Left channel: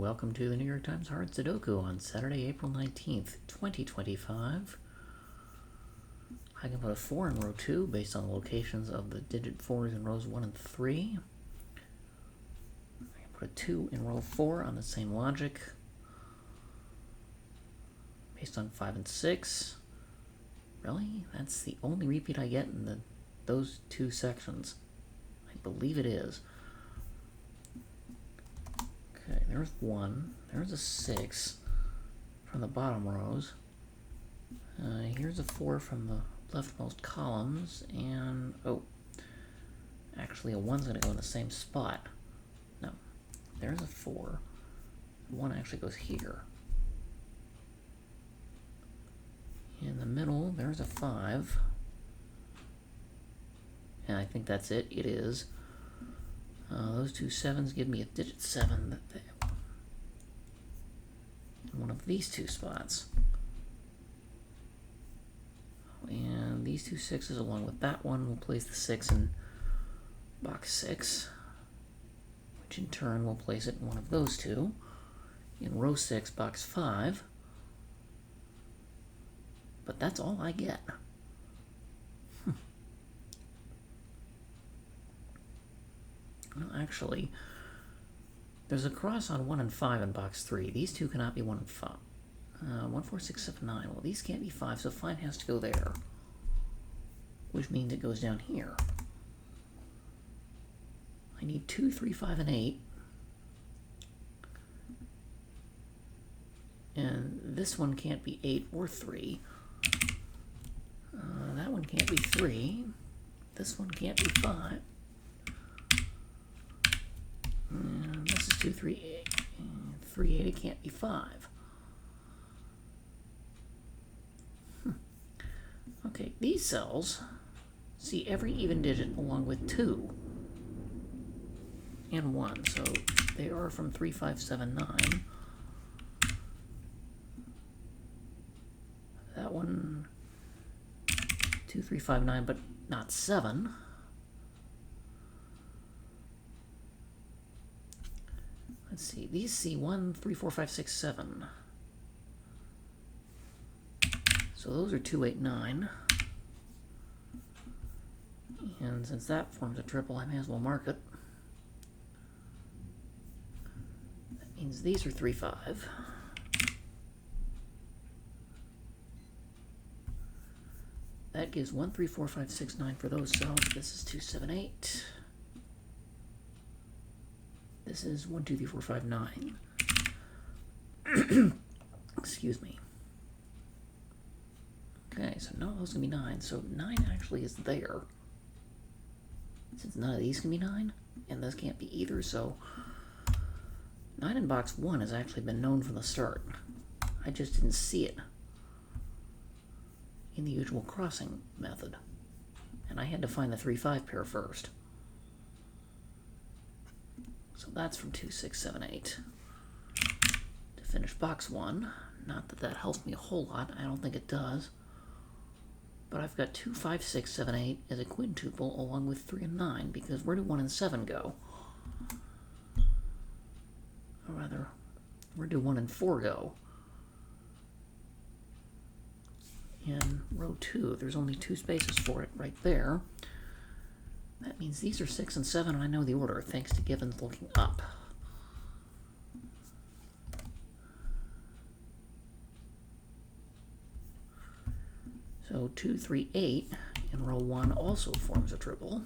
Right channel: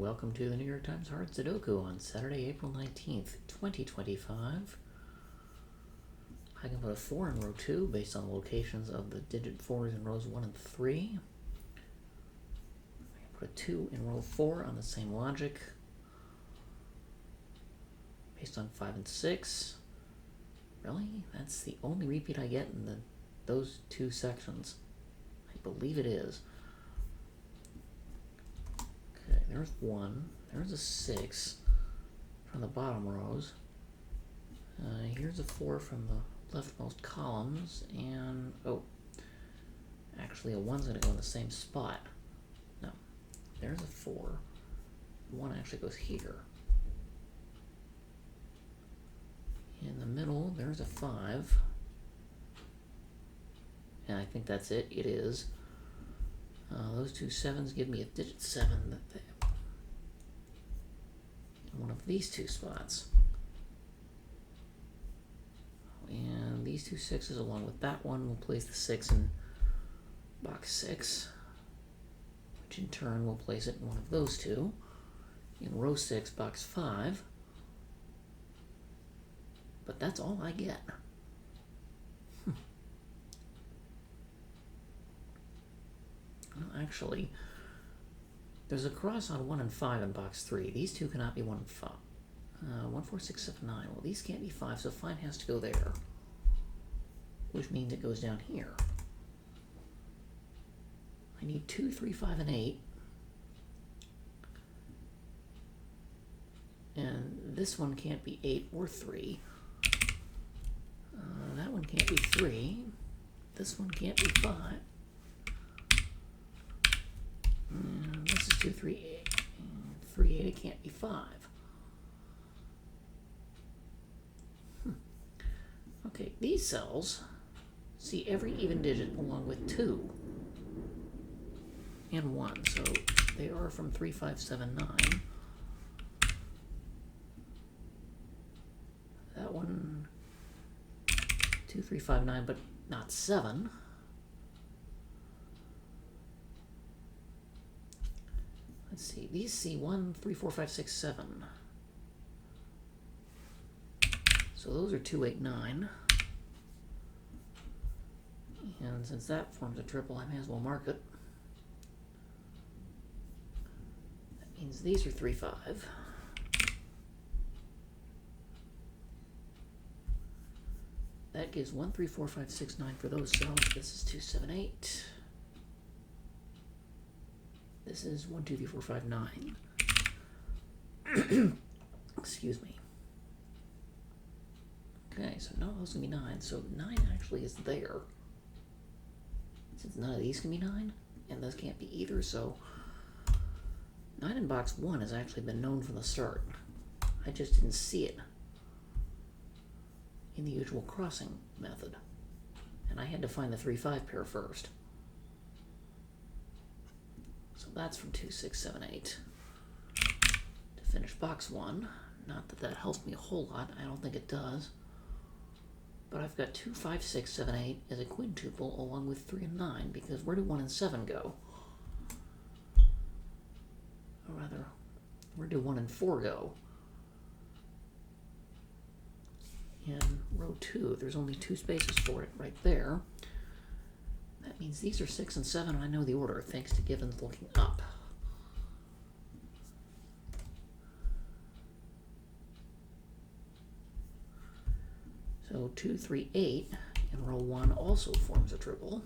welcome to the New York Times Hard Sudoku on Saturday, April 19th, 2025. I can put a 4 in row 2 based on the locations of the digit 4s in rows 1 and 3. I can put a 2 in row 4 on the same logic based on 5 and 6. Really? That's the only repeat I get in those two sections. I believe it is. Okay, there's 1. There's a 6 from the bottom rows. Here's a 4 from the leftmost columns, and actually a 1's going to go in the same spot. No, there's a 4. 1 actually goes here. In the middle, there's a 5. And I think that's it. It is. Those two 7s give me a digit 7 in one of these two spots. And these two 6s along with that one will place the 6 in box 6, which in turn will place it in one of those two in row 6, box 5. But that's all I get. Well, actually, there's a cross on 1 and 5 in box 3. These two cannot be 1 and 5. 1, 4, 6, 7, 9. Well, these can't be 5, so 5 has to go there, which means it goes down here. I need 2, 3, 5, and 8. And this one can't be 8 or 3. That one can't be 3. This one can't be 5. This is 2, 3, 8. 3, 8, it can't be 5. Okay, these cells see every even digit along with 2 and 1, so they are from 3, 5, 7, 9. That one, 2, 3, 5, 9, but not 7. Let's see, these see 1, 3, 4, 5, 6, 7. So those are 2, 8, 9. And since that forms a triple, I may as well mark it. That means these are 3, 5. That gives 1, 3, 4, 5, 6, 9 for those cells. This is 2, 7, 8. This is 1, 2, 3, 4, 5, 9. Excuse me. Okay, so none of those can be 9. So 9 actually is there. Since none of these can be 9, and this can't be either, so 9 in box 1 has actually been known from the start. I just didn't see it in the usual crossing method. And I had to find the 3, 5 pair first. So that's from 2, 6, 7, 8. To finish box 1, not that that helps me a whole lot, I don't think it does. But I've got 2, 5, 6, 7, 8 as a quintuple along with 3 and 9, because where do 1 and 7 go? Or rather, where do 1 and 4 go? In row 2, there's only 2 spaces for it right there. That means these are 6 and 7, and I know the order, thanks to Gibbons looking up. So 2, 3, 8 in row 1 also forms a triple.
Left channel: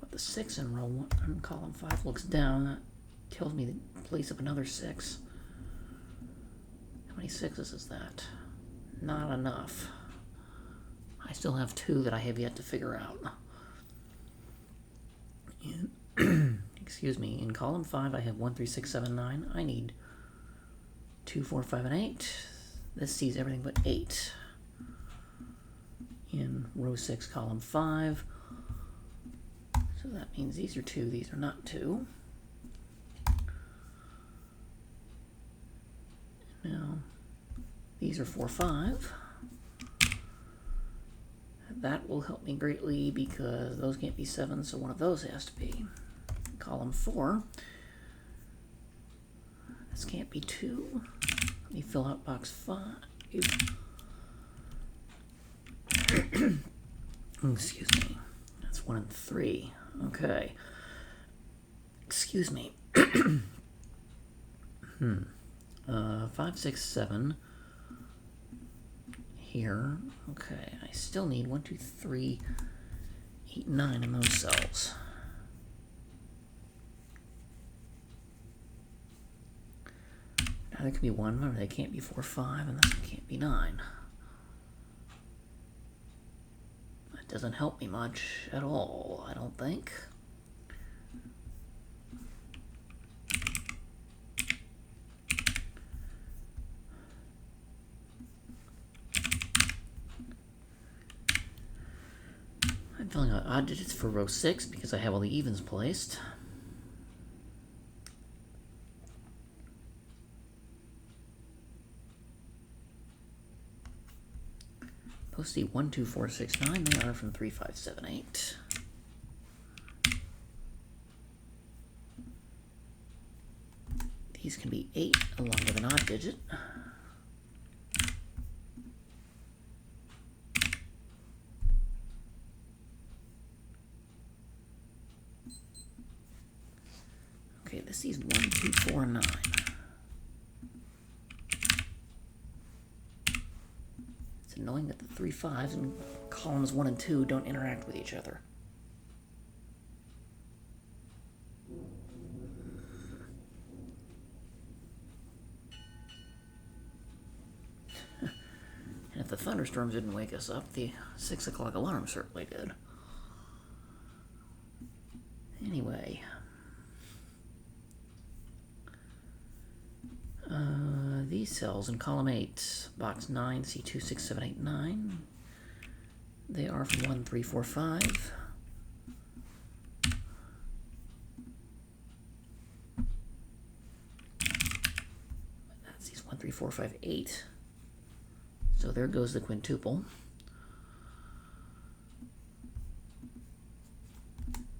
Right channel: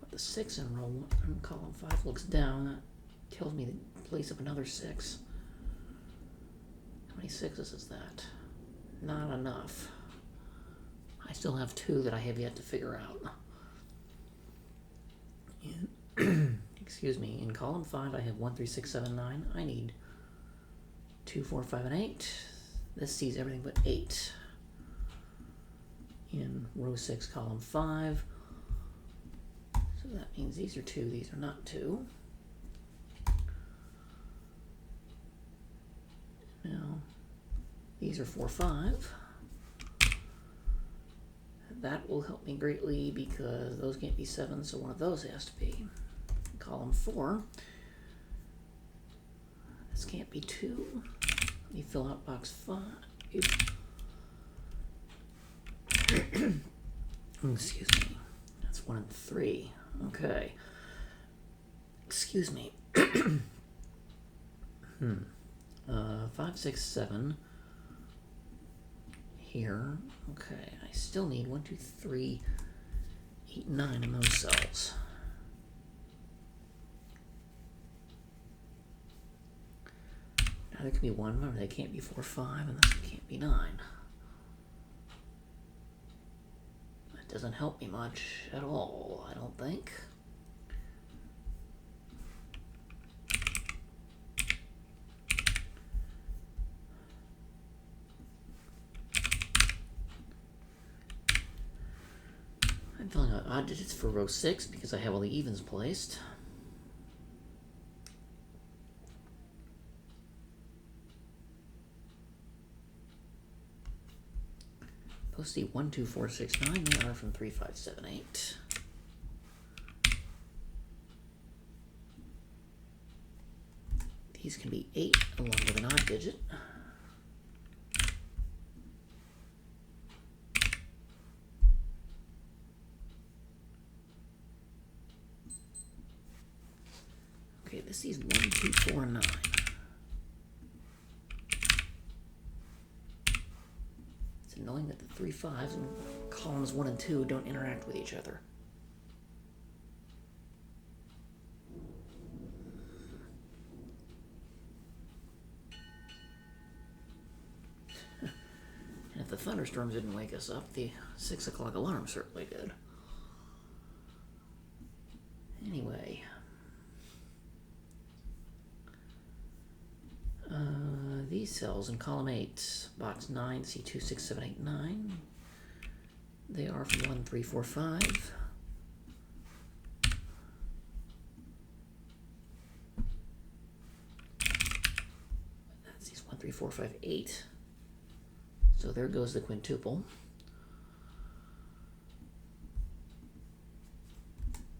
But the 6 in row 1 in column 5 looks down. That tells me the place of another 6. How many 6s is that? Not enough. I still have 2 that I have yet to figure out. Excuse me, in column 5 I have 1, 3, 6, 7, 9. I need 2, 4, 5, and 8. This sees everything but 8. In row 6, column 5. So that means these are 2, these are not 2. Now, these are 4, 5. That will help me greatly because those can't be 7, so one of those has to be. column 4. This can't be 2. Let me fill out box 5. Excuse me. That's 1 and 3. Okay. Excuse me. 5, 6, 7. Here. Okay. I still need 1, 2, 3, 8, 9 in those cells. Now there can be 1, remember they can't be 4, 5, and this one can't be 9. That doesn't help me much at all, I don't think. I'm filling out odd digits for row 6 because I have all the evens placed. Supposed to be 1, 2, 4, 6, 9. They are from 3, 5, 7, 8. These can be 8 along with an odd digit. Okay, this is 1, 2, 4, 9. It's annoying that the 3 5s in columns 1 and 2 don't interact with each other. And if the thunderstorms didn't wake us up, the 6 o'clock alarm certainly did. Anyway. These cells in column 8, box 9, C2, 6, 7, 8, 9. They are from 1, 3, 4, 5. That's these 1, 3, 4, 5, 8. So there goes the quintuple.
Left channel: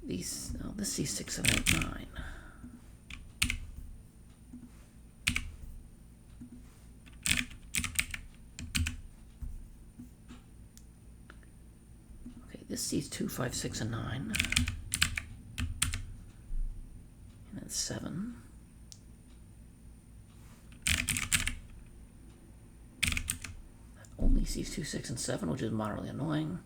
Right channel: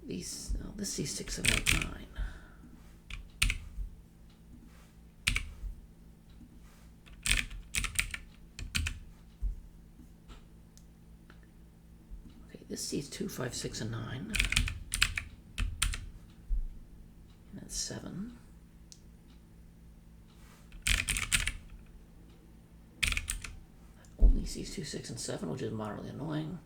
These, oh, this is 6, 7, 8, 9. This sees 2, 5, 6, and 9. And that's 7. That only sees 2, 6, and 7, which is moderately annoying.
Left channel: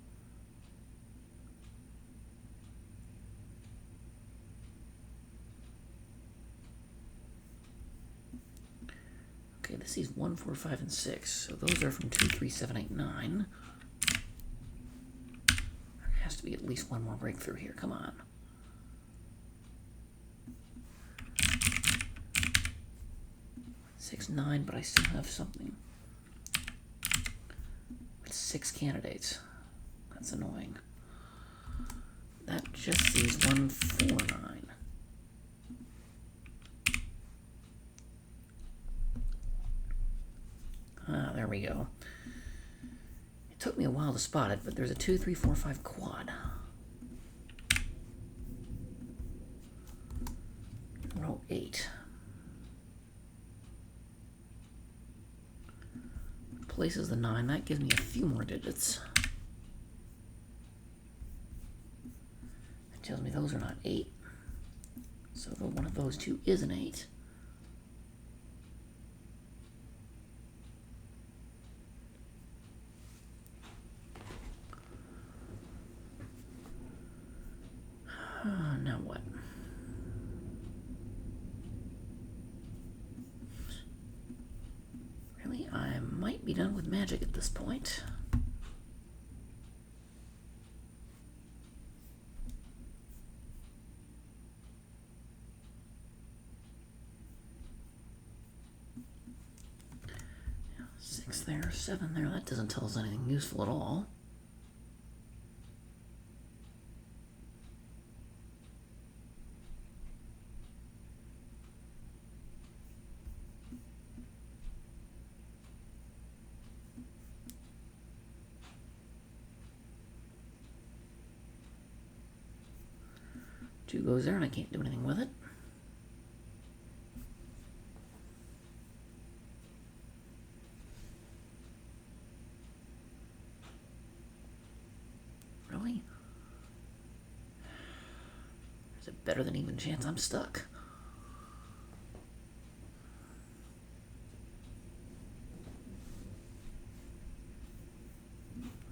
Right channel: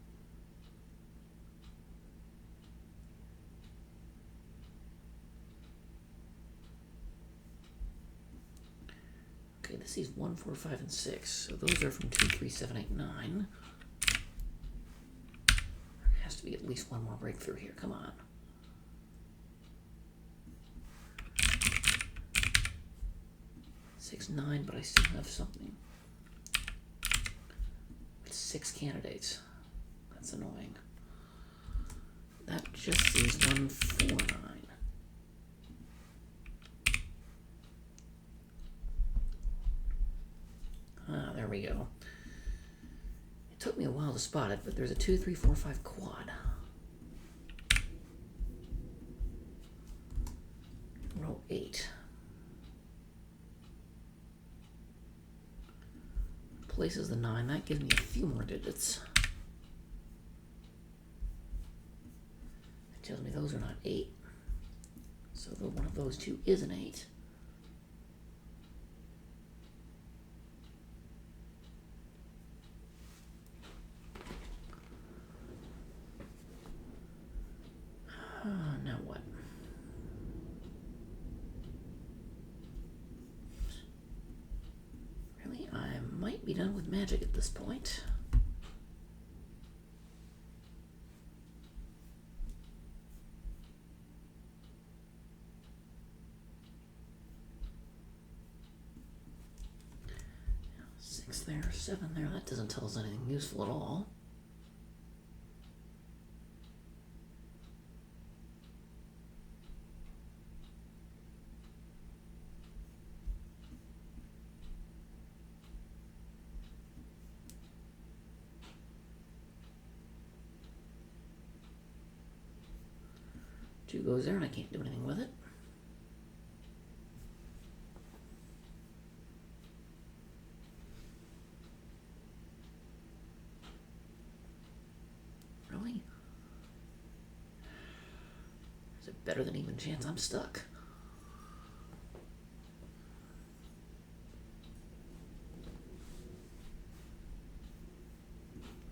Okay, this sees 1, 4, 5, and 6. So those are from 2, 3, 7, 8, 9. Has to be at least one more breakthrough here. Come on. Six, 9, but I still have something. With 6 candidates. That's annoying. That just sees 1, 4, 9. Ah, there we go. It took me a while to spot it, but there's a 2, 3, 4, 5 quad. Row 8. Places the 9. That gives me a few more digits. It tells me those are not 8. So one of those two is an 8. Now what? Really, I might be done with magic at this point. Yeah, 6 there, 7 there. That doesn't tell us anything useful at all. 2 goes there and I can't do anything with it. Really? Is it better than even chance I'm stuck?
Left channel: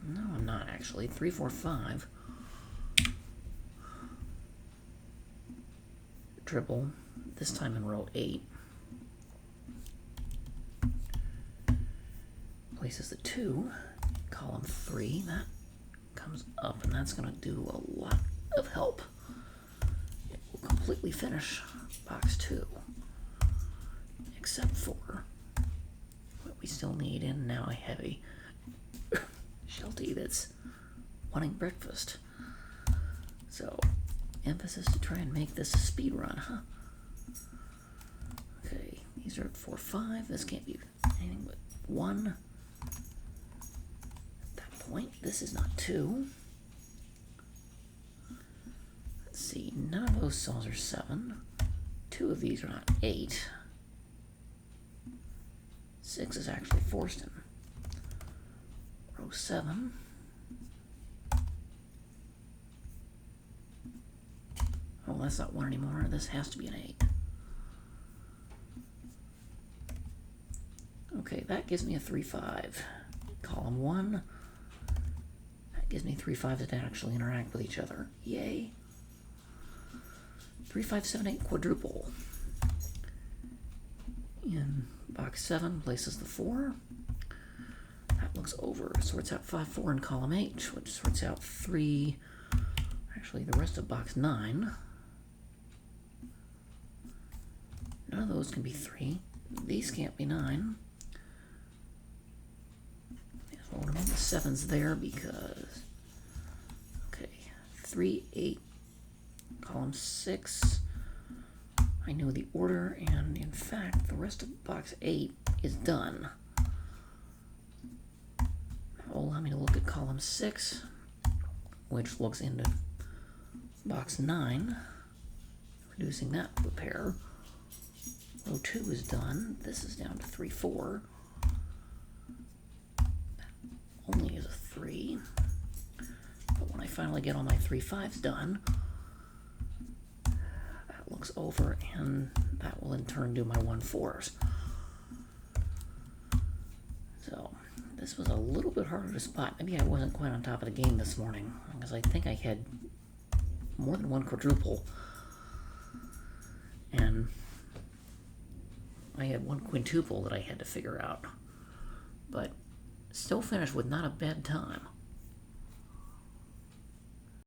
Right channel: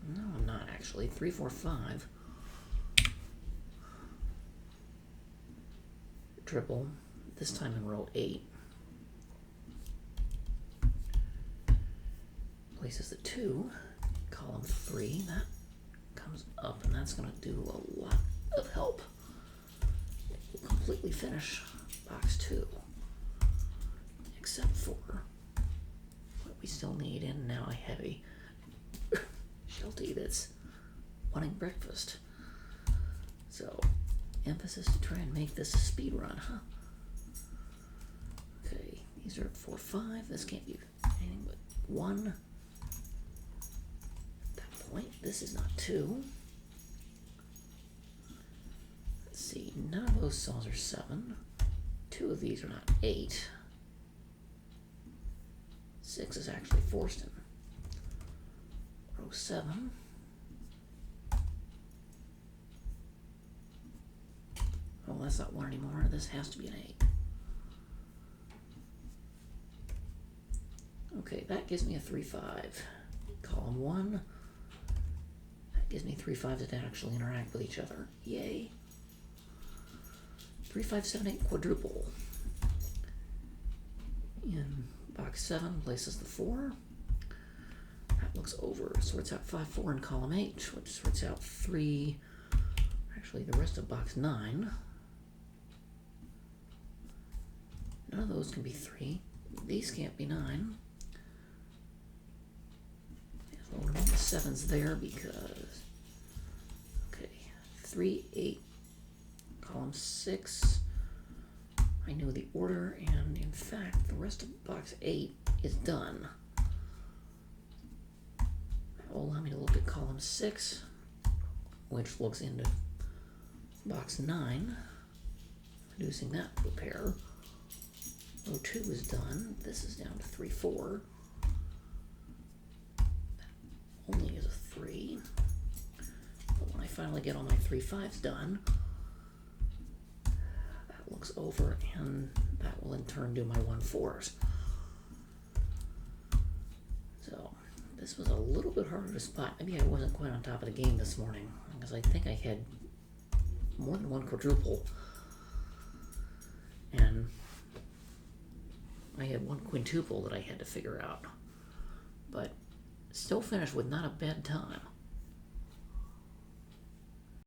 No, I'm not actually. 3, 4, 5. Triple. This time in row 8. Places the 2. Column 3. That comes up, and that's going to do a lot of help. It will completely finish box 2. Except for what we still need, and now I have a Sheltie that's wanting breakfast. So, emphasis to try and make this a speed run, huh? Okay, these are at 4, 5. This can't be anything but 1. At that point, this is not 2. Let's see, none of those cells are 7. 2 of these are not 8. 6 is actually forced in row 7. Oh, that's not 1 anymore. This has to be an 8. Okay, that gives me a 3, 5. Column 1. That gives me 3 5s that actually interact with each other. Yay. 3, 5, 7, 8 quadruple. In box 7 places the 4. That looks over. Sorts out 5, 4 in column H, which sorts out 3. Actually, the rest of box 9. None of those can be 3. These can't be 9. So we'll move the 7s there because... Okay, 3, 8, column 6. I know the order, and in fact, the rest of box 8 is done. That will allow me to look at column 6, which looks into box 9, reducing that to a pair. Row 2 is done. This is down to 3, 4. That only is a 3. But when I finally get all my 3, 5s done, that looks over, and that will in turn do my 1, 4s. So this was a little bit harder to spot. Maybe I wasn't quite on top of the game this morning, because I think I had more than 1 quadruple. And I had 1 quintuple that I had to figure out. But still finished with not a bad time.